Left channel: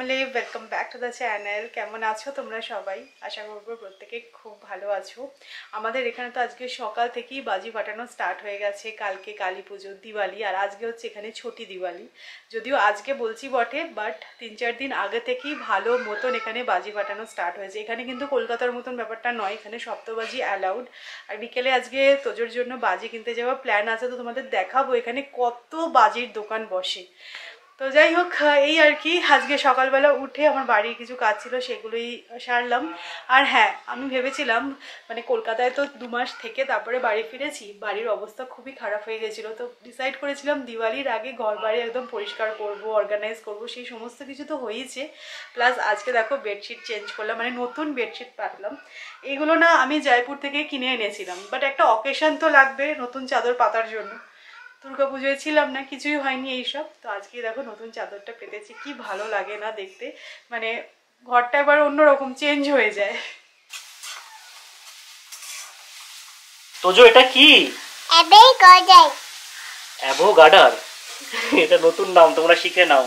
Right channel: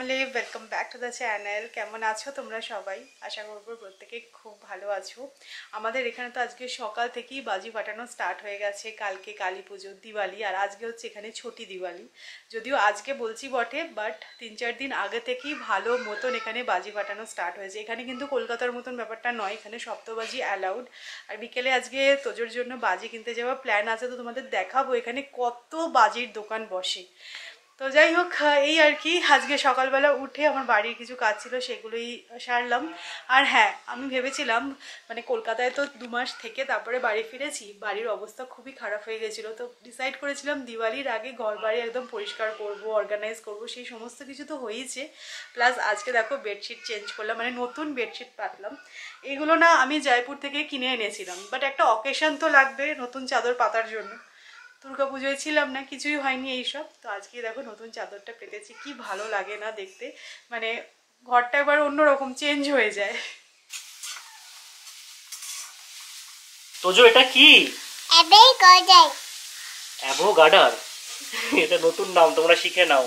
Family, welcome back to the channel. কেমন আছো তোমরা সবাই? আশা করবো প্রত্যেকে খুব ভালো আছো। আমাদের এখানে তো আজকে সকাল থেকেই বাজি ফাটানো স্টার্ট হয়ে গেছে। কালকে কালী পুজো, দিওয়ালি, আর আজকে হচ্ছে এখানে ছোটি দিওয়ালি। যদিও আজকে বলছি বটে, বাট 3-4 দিন আগে থেকেই ভালো মতন এখানে বাজি ফাটানো স্টার্ট হয়েছে। এখানে কিন্তু কলকাতার মতন ব্যাপারটা নয়, এখানে সপ্তবাজি অ্যালাউড। আর বিকেলে আজকে তোজোর জন্য বাজি কিনতে যাওয়ার প্ল্যান আছে, তো তোমাদের দেখাবো এখানে কত বাজির দোকান বসে। তো যাই হোক, এই আর কি, আজকে সকালবেলা উঠে আমার বাড়ির কিছু কাজ ছিল, সেগুলোই সারলাম। আর হ্যাঁ, আমি ভেবেছিলাম মানে কলকাতায় তো 2 মাস থেকে তারপরে বাড়ি ফিরেছি, বাড়ির অবস্থা খুবই খারাপ হয়ে গেছিলো। তো ডিসাইড করেছিলাম দিওয়ালির আগে ঘর বাড়ি একদম পরিষ্কার করব, অর্গানাইজ করব, সেই সমস্ত কিছু তো হয়েছে। প্লাস আজকে দেখো বেডশিট চেঞ্জ করলাম, মানে নতুন বেডশিট পাতলাম। এইগুলো না আমি জয়পুর থেকে কিনে এনেছিলাম, বাট একটা অকেশন তো লাগবে নতুন চাদর পাতার জন্য। দুর্গাপুজোয় ছিলাম না, কিছুই হয়নি এইসব। তো আজকে দেখো নতুন চাদরটা পেতেছি, কি ভালো লাগে না দেখতে, মানে ঘরটা একবার অন্যরকম চেঞ্জ হয়ে যায়। তোজো এটা কি? অ্যাভোগাডার। এটা নতুন নাম, তোমরা শিখে নাও।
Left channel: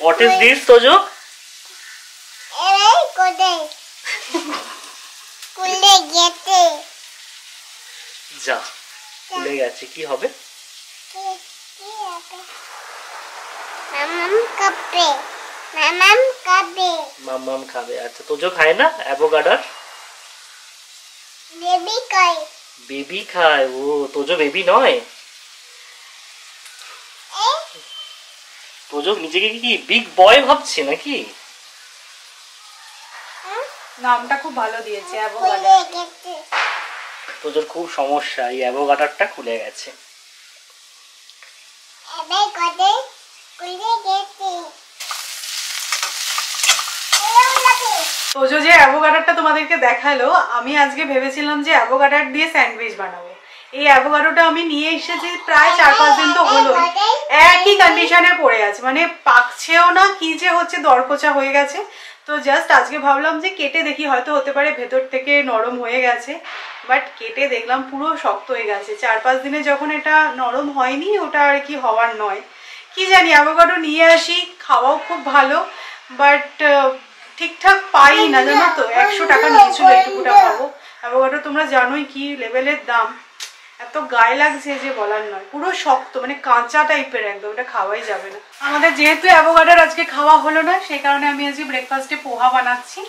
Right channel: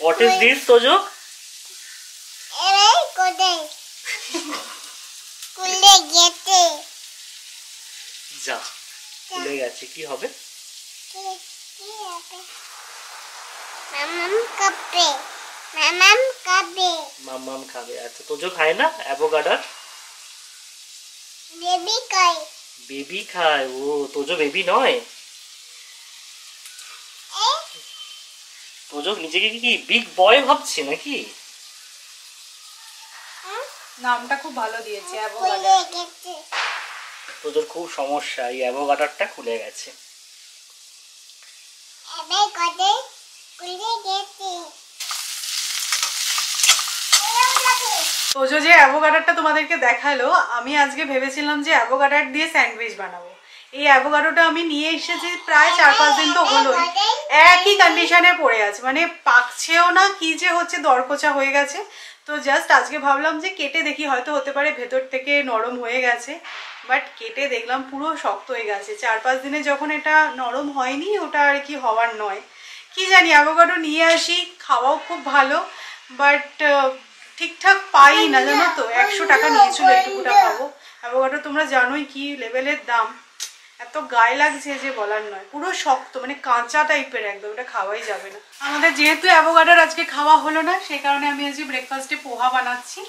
What is this Tojo? যা, খুলে গেছে, কি হবে? মাম্মাম খাবে। আচ্ছা, তোজো খায় না অ্যাভোগাডার? বেবি খায়। ও, তোজো বেবি নয়। তোজো নিজেকে কি বিগ বয় ভাবছে নাকি? নামটা খুব ভালো দিয়েছে অ্যাভোগাডার। তোজোর খুব সমস্যা, এই অ্যাভোগাডারটা খুলে গেছে। তোজো যে অ্যাভোগাডারটা তোমাদেরকে দেখালো, আমি আজকে ভেবেছিলাম যে অ্যাভোগাডার দিয়ে স্যান্ডউইচ বানাবো। এই অ্যাভোকাডোটা আমি নিয়ে এসেছি প্রায় 4-5 দিন তো হলোই, একই কন্ডিশনে পড়ে আছে, মানে পাকছেও না, কি যে হচ্ছে দরকোচা হয়ে গেছে। তো জাস্ট আজকে ভাবলাম যে কেটে দেখি, হয়তো হতে পারে ভেতর থেকে নরম হয়ে গেছে, বাট কেটে দেখলাম পুরো শক্ত হয়ে গেছে। 4-5 দিনে যখন এটা নরম হয়নি, ওটা আর কি হওয়ার নয়। কি জানি, অ্যাভোকাডো নিয়ে আসি, খাওয়াও খুব ভালো, বাট ঠিকঠাক পাই না, জানো তো। 100 টাকা নিয়েছিল এইটুকুটা, ভাবো। অ্যাভোকাডো তোমরা জানোই কি লেভেলের দাম, এত গায়ে লাগছে যে বলার নয়। পুরো শক্ত, মানে কাঁচা টাইপের একদম, এটা খাওয়াই যাবে না। আমাদের যেহেতু অ্যাভোকাডোর আজকে খাওয়া হলো না, সেই কারণে আমি আজকে ব্রেকফাস্টে পোহা বানাচ্ছি।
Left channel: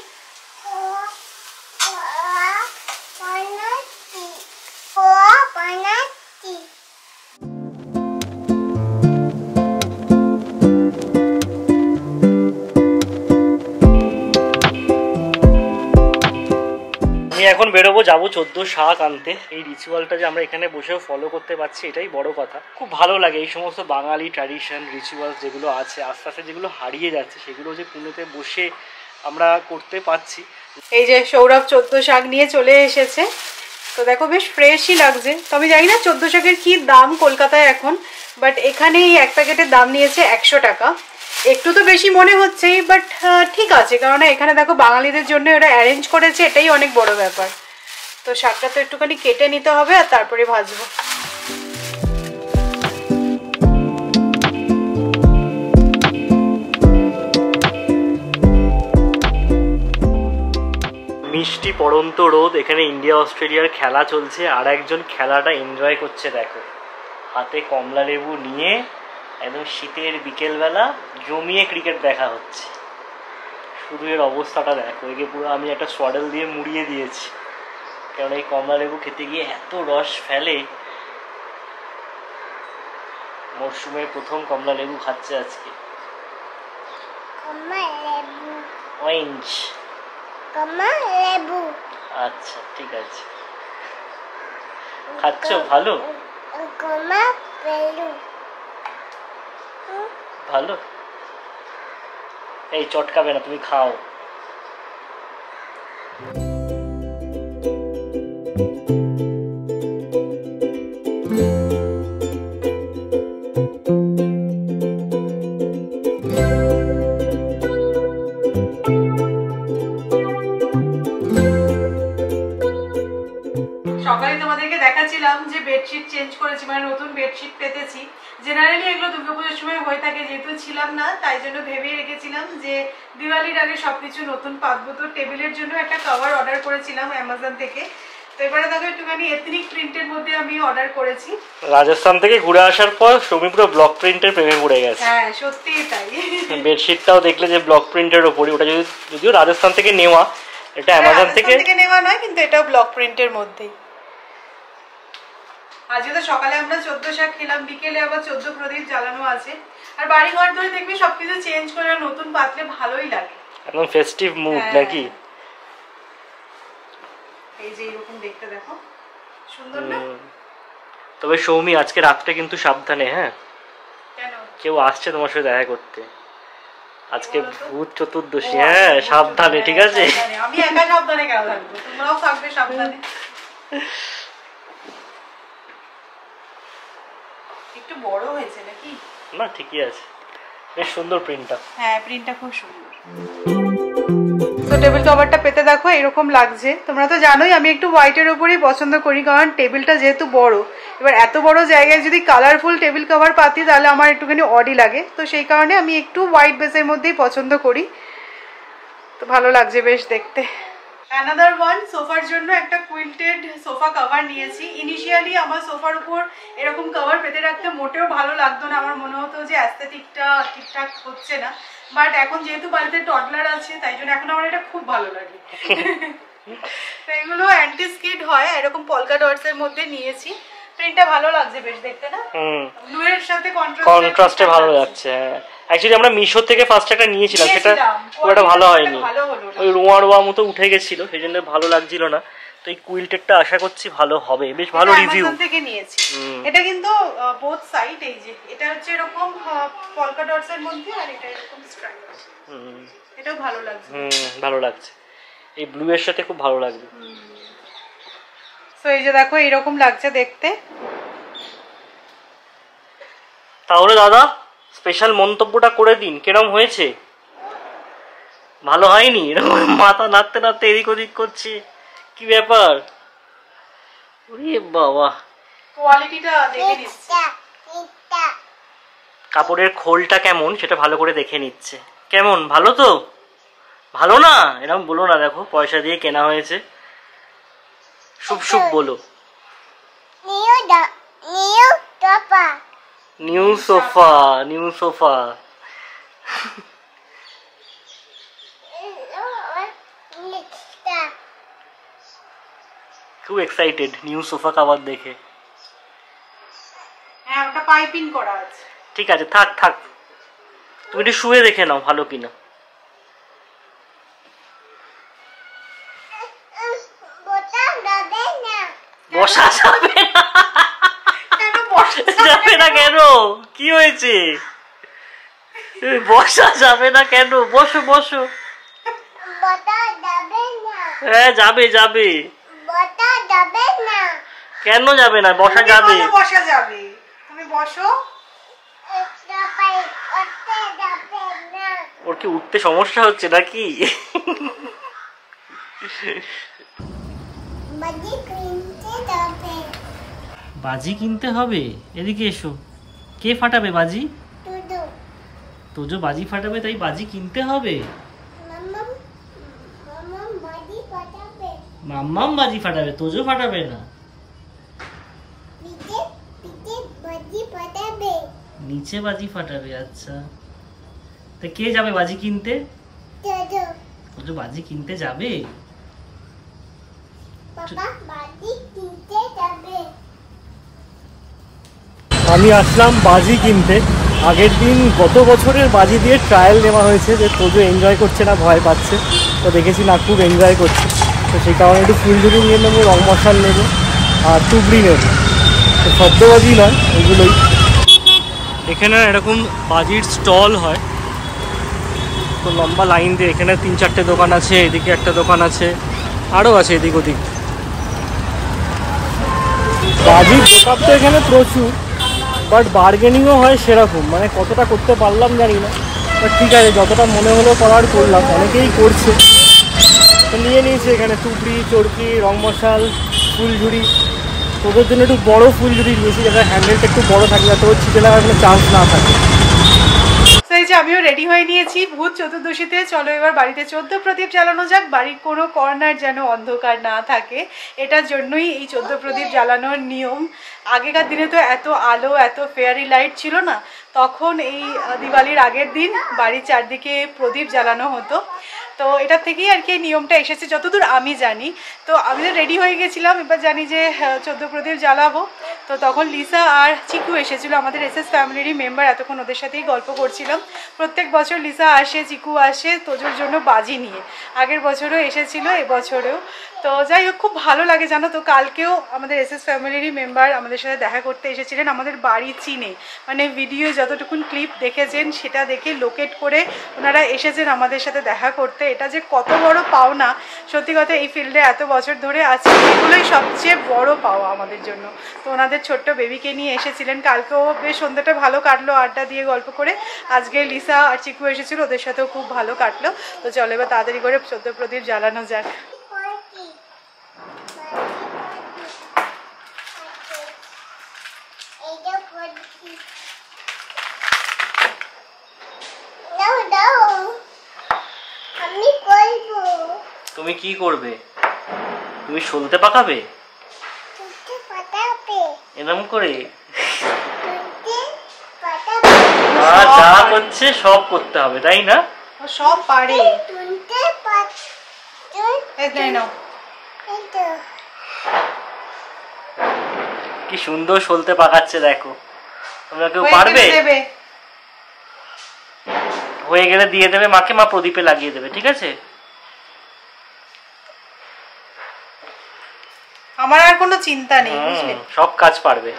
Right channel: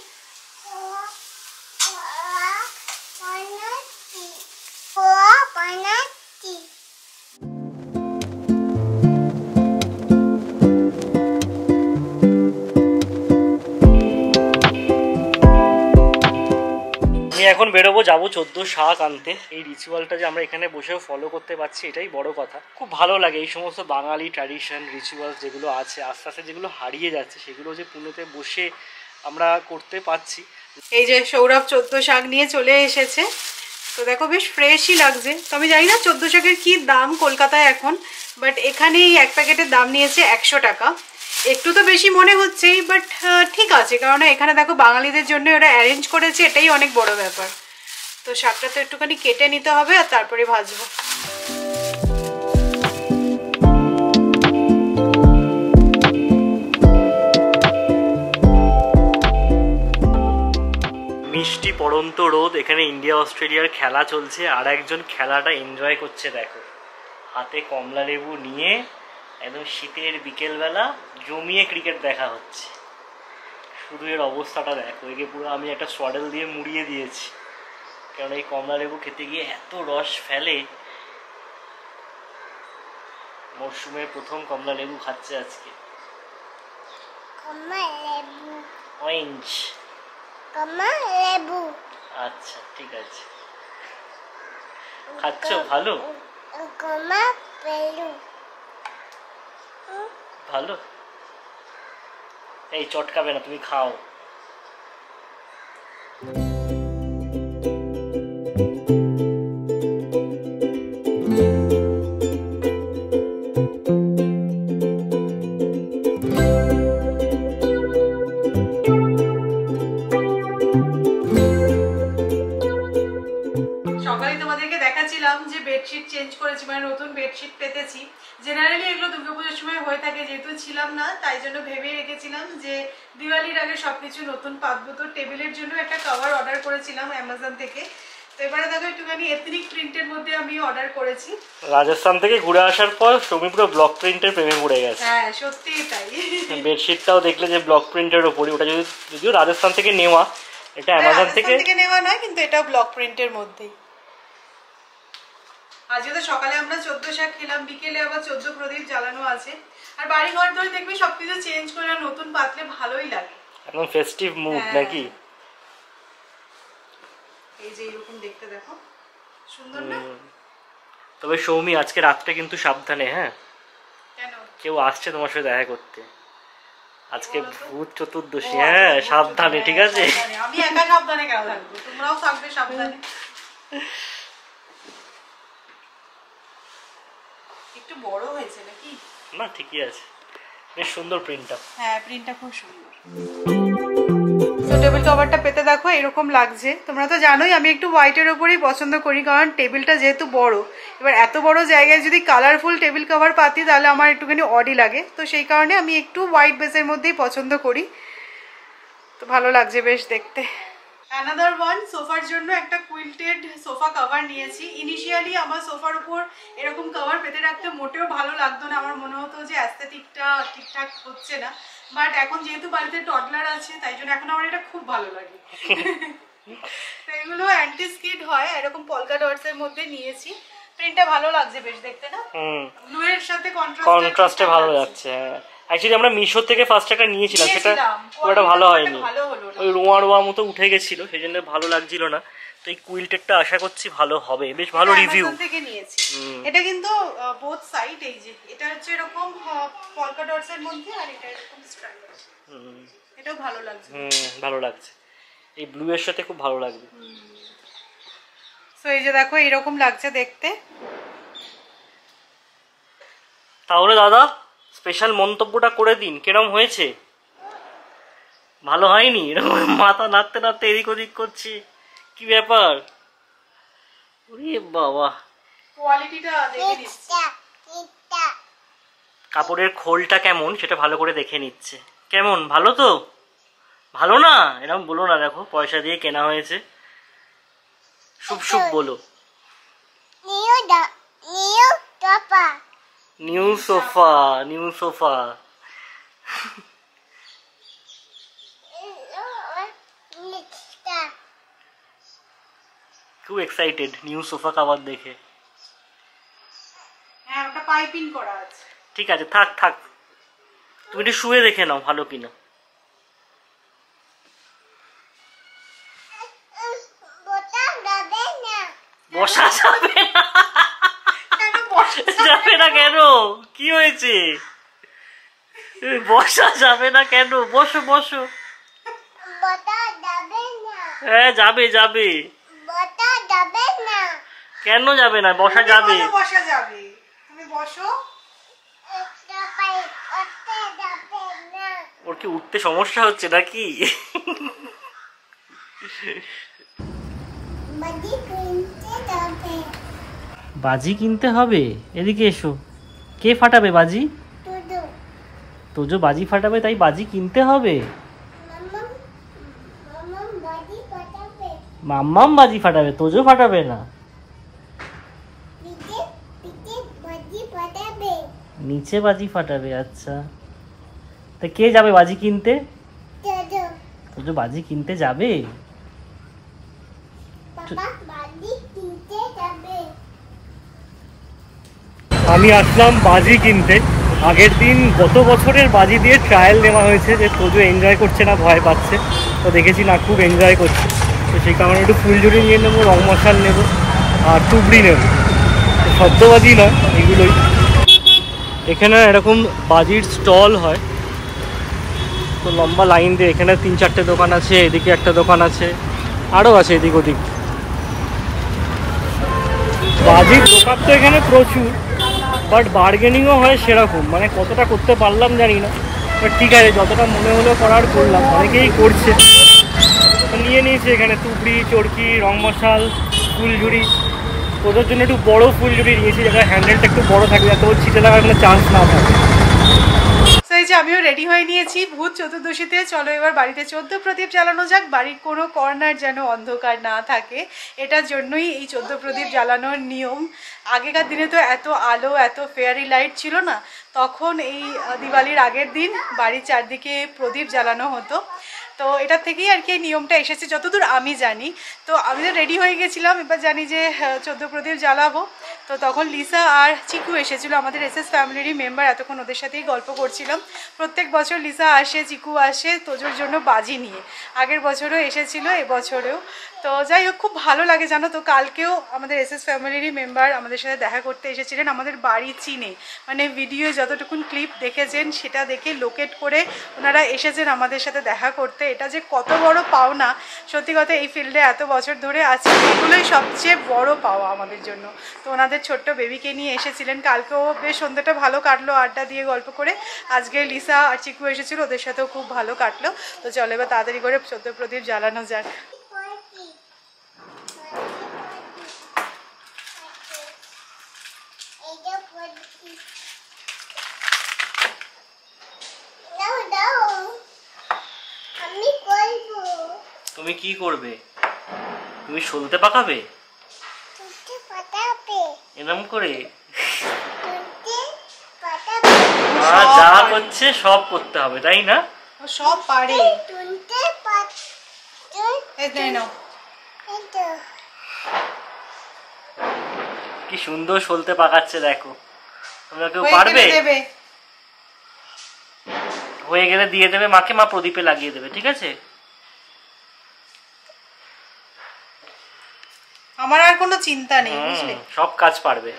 এখন বেরোবো, যাবো 14 শাক আনতে। এই রিচুয়ালটা যে আমরা এখানে বসেও ফলো করতে পারছি, এটাই বড় কথা। খুব ভালো লাগে এই সমস্ত বাঙালি ট্র্যাডিশন রিচুয়ালস যেগুলো আছে, আস্তে আস্তে যেগুলো হারিয়ে যাচ্ছে, সেগুলো যে পুনেতে বসে আমরা করতে পারছি। এই যে সৌরভ 14 শাক নিয়ে চলে এসেছে, তো দেখো বেশ ফ্রেশই লাগছে। তো আমি জানি না 14 শাকের কি দাম কলকাতায় এখন, বাট এখানে এই এক প্যাকেটের দাম নিয়েছে 100 টাকা। একটু তো বেশি মনে হচ্ছে, বাট ঠিক আছে, কারণ এখানে দেখো বাঙালিদের জন্য ওরা অ্যারেঞ্জ করেছে, এটাই অনেক বড় ব্যাপার। তো শাকটা তো একটুখানি কেটে নিতে হবে, আর তারপরে ভাজবো। মিষ্টি পড়ন্ত রোদ, এখানে ইন্ডিয়া অস্ট্রেলিয়ার খেলা চলছে, আর একজন খেলাটা এনজয় করছে। দেখো, হাতে কমলা লেবু নিয়ে একদম শীতের বিকেলবেলা জমিয়ে ক্রিকেট দেখা হচ্ছে। শুধু এর অবস্থাটা দেখো, একে পুরো আমি একটা সোয়াডল দিয়ে মুড়িয়ে দিয়েছি, কারণ এই কমলা লেবু খেতে গিয়ে এত রস ফেলে। মরশুমের প্রথম কমলা লেবু খাচ্ছে আজকে। অরেঞ্জ লেবু। আচ্ছা, ঠিক আছে, খাচ্ছ? ভালো ভালো। এই চটকাবে না, তুমি খাও। সকালে তোমাদেরকে দেখাচ্ছিলাম বললাম যে বেডশিট চেঞ্জ করেছি, মানে নতুন বেডশিট পেতেছি। জেনারেলি এগুলো দুর্গাপুজোর সময় হয়ে থাকে, যেহেতু ছিলাম না তাই জন্য ভেবে রেখেছিলাম যে দিওয়ালির আগে সবকিছু নতুন পাতবো। তো টেবিলের জন্য একটা কভার অর্ডার করেছিলাম অ্যামাজন থেকে। তো এবারে দেখো একটুখানি এথনিক প্রিন্টের মধ্যে আমি অর্ডার করেছি। রাজস্থান থেকে ঘুরে আসার পর সৌমি পুরো ব্লক প্রিন্টের প্রেমে পড়ে গেছে। হ্যাঁ সত্যিই তাই। বেডশিটটাও দেখলে যে ব্লক প্রিন্টের উপরে, ওটা যদিও রাজস্থান থেকে নেওয়া, এটা অ্যামাজন থেকে নেওয়া নয়, কিন্তু এটাও ব্লক প্রিন্টের মধ্যেই। আজকে তো সকালে আমরা 14 শাক খেলাম, বিকেলে আবার 14 প্রদীপ জ্বালানো আছে। আর বাড়ি ঘর ধরে দেখবি সবকিছু চেঞ্জ করে নতুন পাতলে ভালোই লাগে, একদম ফেস্টিভ মুড নাকি? এই যে এরকম দেখতে দেখো সুন্দর না? তবে সৌমি আজকে রাতটা কিন্তু সাবধানে, হ্যাঁ? কেন? কেউ আসছে তোমার সাথে দেখা করতে আজকে, ভূত চতুর্দশী। হ্যাঁ সাবধানে, ঠিক আছে? আমি একা সাবধানে কেন থাকবো, তোমরাও থাকবে সাবধানে। একটু বড় হয়েছে নাকি? না ঠিকই আছে, বেশ সুন্দর প্রিন্টটা। হ্যাঁ প্রিন্টটা খুব সুন্দর। টেবিল কভারটা পেতে দেখো এরকম লাগছে। তোমরা তো জানোই আমি একটু হোয়াইটের উপরেই পছন্দ করি, কারণ টেবিলটা যেহেতু বড়। এবার এত বড় জায়গায় যদি কালারফুল টেবিল কভার পাতি তাহলে আমার একটুখানি অডি লাগে, তো সেই কারণে আমি একটু হোয়াইট বেসের মধ্যেই পছন্দ করি। তো ভালো লাগছে বেশ দেখতে। অ্যানাদার ওয়ান, সোফার জন্য একটা কুইল্টেড সোফা কভার নিয়েছি। ইনিশিয়ালি আমার সোফার উপর এরকম কভার পেতে রাখতে মোটেও ভালো লাগতো না, আমার মনে হতো যে অ্যাস্থেটিকটা ঠিকঠাক হচ্ছে না। বাট এখন যেহেতু বাড়িতে টডলার আছে তাই জন্য এখন আমার এটা খুব ভালো লাগে। তো এগুলো অ্যান্টি স্কিড হয়, এরকম পলকা ডটস এর মধ্যে নিয়েছি। প্রিন্টটা ভালো লাগছে বেশ দেখতে না? ব্লু এর সাথে কন্ট্রাস্টে ভালো লাগছে। অ্যাকচুয়ালি আমরা মিশো থেকে ফার্স্ট একটা নিয়েছিলাম, সেটা পুরোটা ভালো হয়নি, ওই রোয়া রোয়া মতো উঠে গেছিল, সেই জন্য ভালো লাগছিল না। তো এই কুইল্টেডটা আশা করছি ভালো হবে, বেশ ভালো রিভিউ থেকে নিয়েছি। এটা কিন্তু বোথ সাইড, এই যে এটা হচ্ছে এরকম পলকা ডটস এর মধ্যে, আর এটা এরকম স্ট্রাইপ। এটাও ভালো লাগছে। ভালো লাগছে, এই ব্লু এর সাথে খুব ভালো লাগবে। তো এই যে দেখো এরকম লাগছে দেখতে। তাহলে দাদা স্পেশাল মন্তব্যটা করে দিন, কিরকম হয়েছে? ভালো হয়নি? এরকম মাথা নাড়তে নাড়তে এদিক ওদিক করছে, কি ব্যাপার? ওরে বাবা, কোয়ালিটিটা দেখে নিচ্ছে, কাপড়ের খোলটা কেমন সেটা ভালো করে দেখে নিচ্ছে। কেমন, ভালো তো? ভালো না এরকম বলো না, দেখো পয়সা দিয়ে কেনা হয়েছে, শুভ শুভ বলো। New sofa, new sofa. খুব এক্সাইটেড নিউ সোফা কভার দেখে। হ্যাঁ ওটা পাইপিং করা আছে। ঠিক আছে থাক থাক, তুমি একটু শুয়ে দেখে নাও ভালো কিনা। বসা যাবে না কেন? বসা যাবে না কেন? কি হয়েছে? বসা যাবে না কেন? বসো বসো। হ্যাঁ যাবে যাবে। কেন যাবে না? বসা যাবে। বসা যাবে, তুমি বসো। ওর কি উঠতে সমস্যা হচ্ছে নাকি? বাজি কিনতে হবে? এদিকে এসো। কে ফাটাবে বাজি? তোজো বাজি ফাটাবে, তাই বাজি কিনতে হবে। মাম্মাম বাজি ফাটাবে, তোজো ফাটাবে না। নিচে বাজি ফাটাবে, আচ্ছা। তা কে যাবে বাজি কিনতে? তোজো বাজি কিনতে যাবে। আমি আসলাম বাজি কিনতে। আগের দিন গত বছরের বাজি দিয়ে ট্রায়াল নেওয়া হয়েছে, যে তোজো এনজয় করছে না, ভয় পাচ্ছে। তো দেখেছি না, খুব এনজয় করছে। তো সেই কারণে একটু ফুলঝুরি নিয়ে নেবো, রং মশাল নেবো, আর তুবড়ি নেবো। তো শব্দবাজি নয় এগুলোই। এখানে এরকম বাজির স্টল হয়, তো লম্বা লাইন দিয়ে এখানে 3-4টে দোকান আছে, এদিকে একটা দোকান আছে, আরও আছে এদিক ওদিক। বাজির দোকান তো এখানে প্রচুর, বাট বার্গেনিংও হয় সেরকম, মানে কতটা করতে পারলাম জানি না। বাট ঠিক আছে, যতটা মনে হলো করার করলাম। অনেকেই করছে, তো নিয়ে নিয়েছি এখানে তুবড়ি, চরকি, রং মশাল, ফুলঝুরি, তোদের জন্য একটু বড় ফুলঝুরি নিয়েছি, যাতে হ্যান্ডেলটা একটু বড় থাকে, যাতে ওর ছিটে লাগার কোনো চান্স না থাকে। এই যে আমিও রেডি হয়ে নিয়েছি ভূত চতুর্দশীতে। চলো এবার বাড়িতে 14 প্রদীপ জ্বালানো যাক, বাড়ির কোনো কর্নার যেন অন্ধকার না থাকে। এটার জন্যই এই 14 প্রদীপ জ্বালানোর নিয়ম। আগেকার দিনে তো এত আলো, এত ফেয়ারি লাইট ছিল না, তখন এই দিওয়ালির আগের দিন বাড়ির চারদিকে প্রদীপ জ্বালানো হতো। তো এটার থেকেই আর কি এই নিয়মটা এসেছে যতদূর আমি জানি। তো আমি তো রেডি হয়ে গেছিলাম, এবার জানি যে 14 প্রদীপ জ্বালাবো। তো তখন লিসা আর চিকু এসেছিলো, আমাদের এসএস ফ্যামিলিরই মেম্বার। এতক্ষণ ওদের সাথেই গল্প করছিলাম। প্রত্যেক বছর লিসা আসে, চিকু আসে তোজোর জন্য বাজি নিয়ে। আগের বছরও এসেছিলো, এবছরেও। তো যাই হোক, খুব ভালো লাগে জানো তো। কালকেও আমাদের এসএস ফ্যামিলিরই মেম্বার আমাদের সাথে দেখা করতে এসেছিলেন। আমাদের বাড়ি চিনে, মানে ভিডিও যতটুকুন ক্লিপ দেখেছেন সেটা দেখে লোকেট করে ওনারা এসেছেন আমাদের সাথে দেখা করতে। এটা যে কত বড় পাওনা, সত্যি কথা। এই ফিল্ডে এত বছর ধরে আছি, এগুলোই সবচেয়ে বড় পাওয়া আমাদের জন্য। তো ওনাদের ছোট্ট বেবিকে নিয়ে এসেছিলেন। কালকেও বেশ সন্ধ্যাটা ভালো কাটলো আড্ডা দিয়ে গল্প করে। আজকে লিসা আর চিকু এসেছিল, ওদের সাথেও খুব ভালো কাটলো। তো চলো এবার তাড়াতাড়ি করে 14 প্রদীপ জ্বালানো যাক। তুমি কি করবে? তুমি শুনতে পাকাবে এরকম করে? যা হচ্ছে সব করতে হবে, তাই না? ও সব পারে। কি সুন্দর সলতে পাকাচ্ছে দেখো। তোমরা কেউ পারবে? হয়ে গেলে দিয়ে দেবে মাকে, মা প্রদীপে লাগিয়ে দেবে, ঠিক আছে? আমার আর কোনো চিন্তা নেই, বুঝলে? সব কাজ পারবে।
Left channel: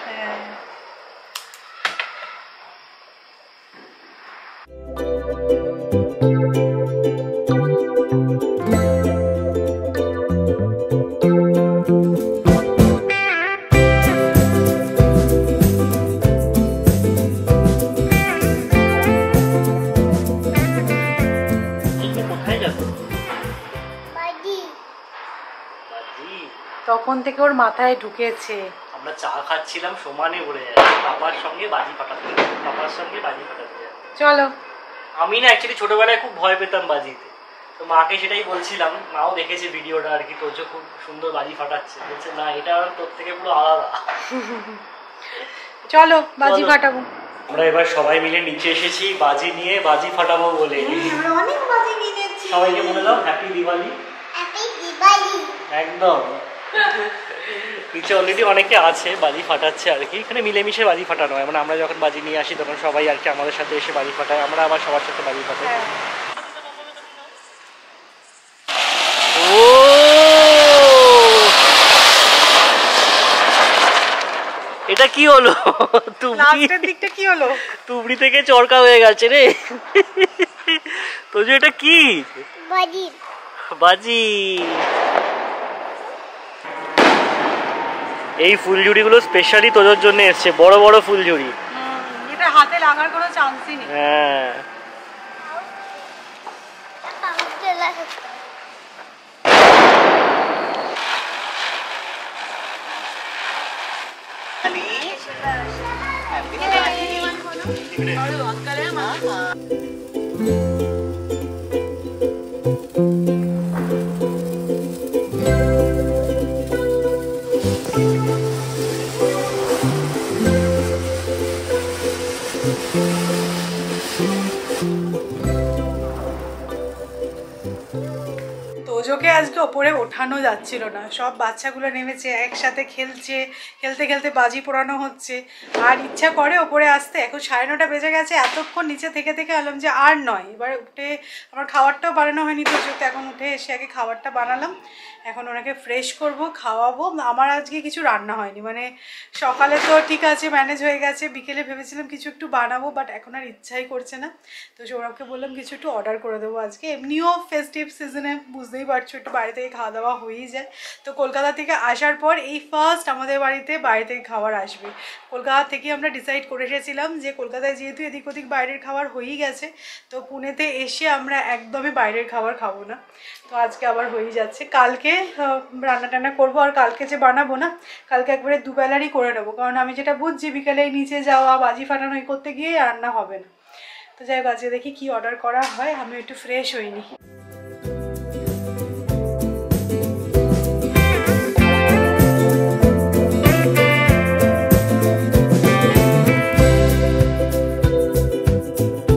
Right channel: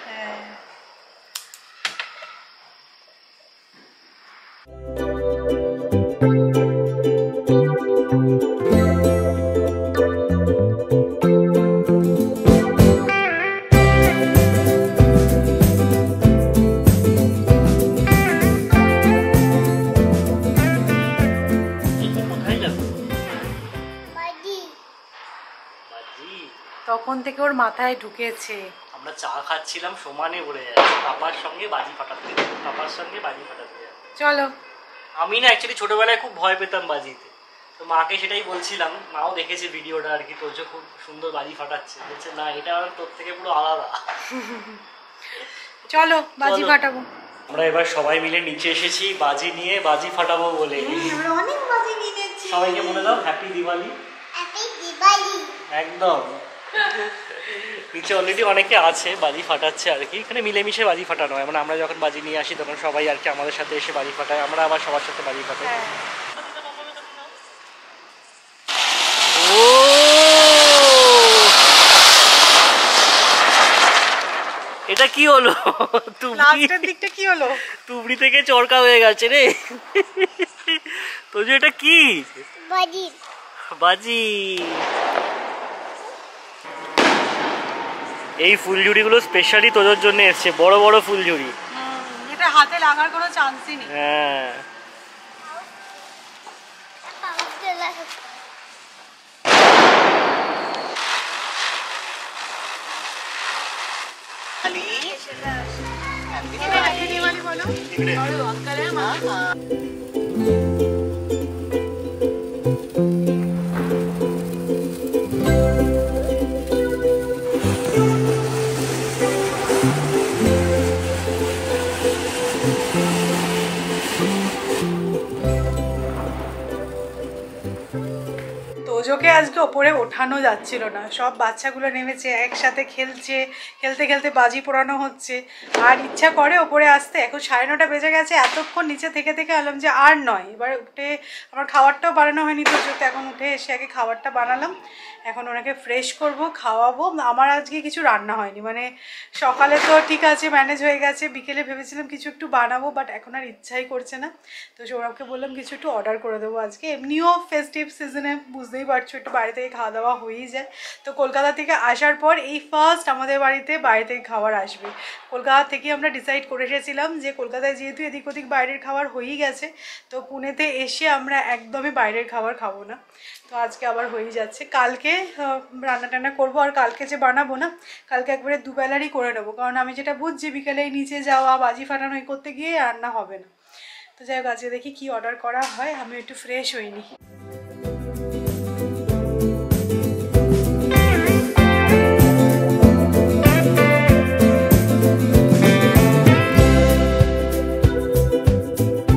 তখন থেকে ওর মাথায় ঢুকেছে। আমরা চা খাচ্ছিলাম, সমানে বলে যাচ্ছে পাপার সঙ্গে বাজি ফাটাতে, পাপার সঙ্গে বাজি ফাটাতে। চলো। আমি না অ্যাকচুয়ালি ছোটবেলায় খুব ভয় পেতাম বাজিতে, তো মাকে সেটাই বলছিলাম। মাও দেখেছে ভিডিওটা আর কি, তোজো খুব সুন্দর বাজি ফাটাচ্ছে, বলছে না এটা তোর থেকে পুরো আলাদা। চলো বাজি ফাটাবো। আমরা এবার সবাই মিলে নিচে এসেছি বাজি নিয়ে, বাজি ফাটাবো বলে। আমরা অনেক বাজি কিনেছি। সবাইকে বলে দাও হ্যাপি দিওয়ালি। হ্যাপি দিওয়ালি। একদম। নিচে অলরেডি অনেকে আছে, বাজি ফাটাচ্ছে আর কি। এখানে মিলেমিশে বাজি ফাটানো হয়, মানে আমরা যখন বাজি নিয়ে আসি তখন সবাই আর কি আমাদের সাথে এসে বাজি ফাটায়, আমরা আবার সবার সাথে বাজি ফাটাই। এটা কি হলো? লাস্টের দিকটা কি হলো? তুবড়ি থেকে চরকা হয়ে গেছে রে। তো যে এটা কি? বাজি। বাজি। এই ফুলঝুরিগুলো স্পেশালি তোদের জন্য এসছে, বড় বড় ফুলঝুরি। এটা হাতে লাগার কোনো চান্সই নেই। হ্যাঁ। তোজোকে আজকে ওপরে ওঠানো যাচ্ছিল না, সব বাচ্চাগুলো নেমেছে একসাথে খেলছে, খেলতে খেলতে বাজি পোড়ানো হচ্ছে, আর ইচ্ছা করে ওপরে আসতে। এখন 9:30 বেজে গেছে, এতক্ষণ নিচে থেকে থেকে এলাম যে আর নয়। এবার উঠে আমার খাবারটাও বানানো হয়নি তোজোতে, এখন উঠে এসে আগে খাবারটা বানালাম। এখন ওনাকে ফ্রেশ করব, খাওয়াবো। আমার আজকে কিছু রান্না হয়নি, মানে সকালে তো ঠিক আছে ম্যানেজ হয়ে গেছে, বিকেলে ভেবেছিলাম কিছু একটু বানাবো, বাট এখন আর ইচ্ছাই করছে না। তো সৌরভকে বললাম কিছু একটু অর্ডার করে দেবো আজকে। এমনিও ফেস্টিভ সিজনে বুঝতেই পারছো একটু বাইরে থেকে খাওয়া দাওয়া হয়েই যায়। তো কলকাতা থেকে আসার পর এই ফার্স্ট আমাদের বাড়িতে বাইরে থেকে খাবার আসবে। কলকাতা থেকে আমরা ডিসাইড করে এসেছিলাম যে কলকাতায় যেহেতু এদিক ওদিক বাইরের খাবার হয়েই গেছে, তো পুনেতে এসে আমরা একদমই বাইরের খাবার খাবো না। তো আজকে আবার হয়েই যাচ্ছে। কালকে রান্না টান্না করবো, আর কালকে যে বানাবো না, কালকে একবারে দুবেলারই করে নেবো, কারণ আমি যেটা বুঝছি বিকেলে নিচে যাওয়া বাজি ফাটানো করতে গিয়ে রান্না হবে না। তো যাই হোক, আজকে দেখি কি অর্ডার করা হয়, আমি একটু ফ্রেশ হইনি।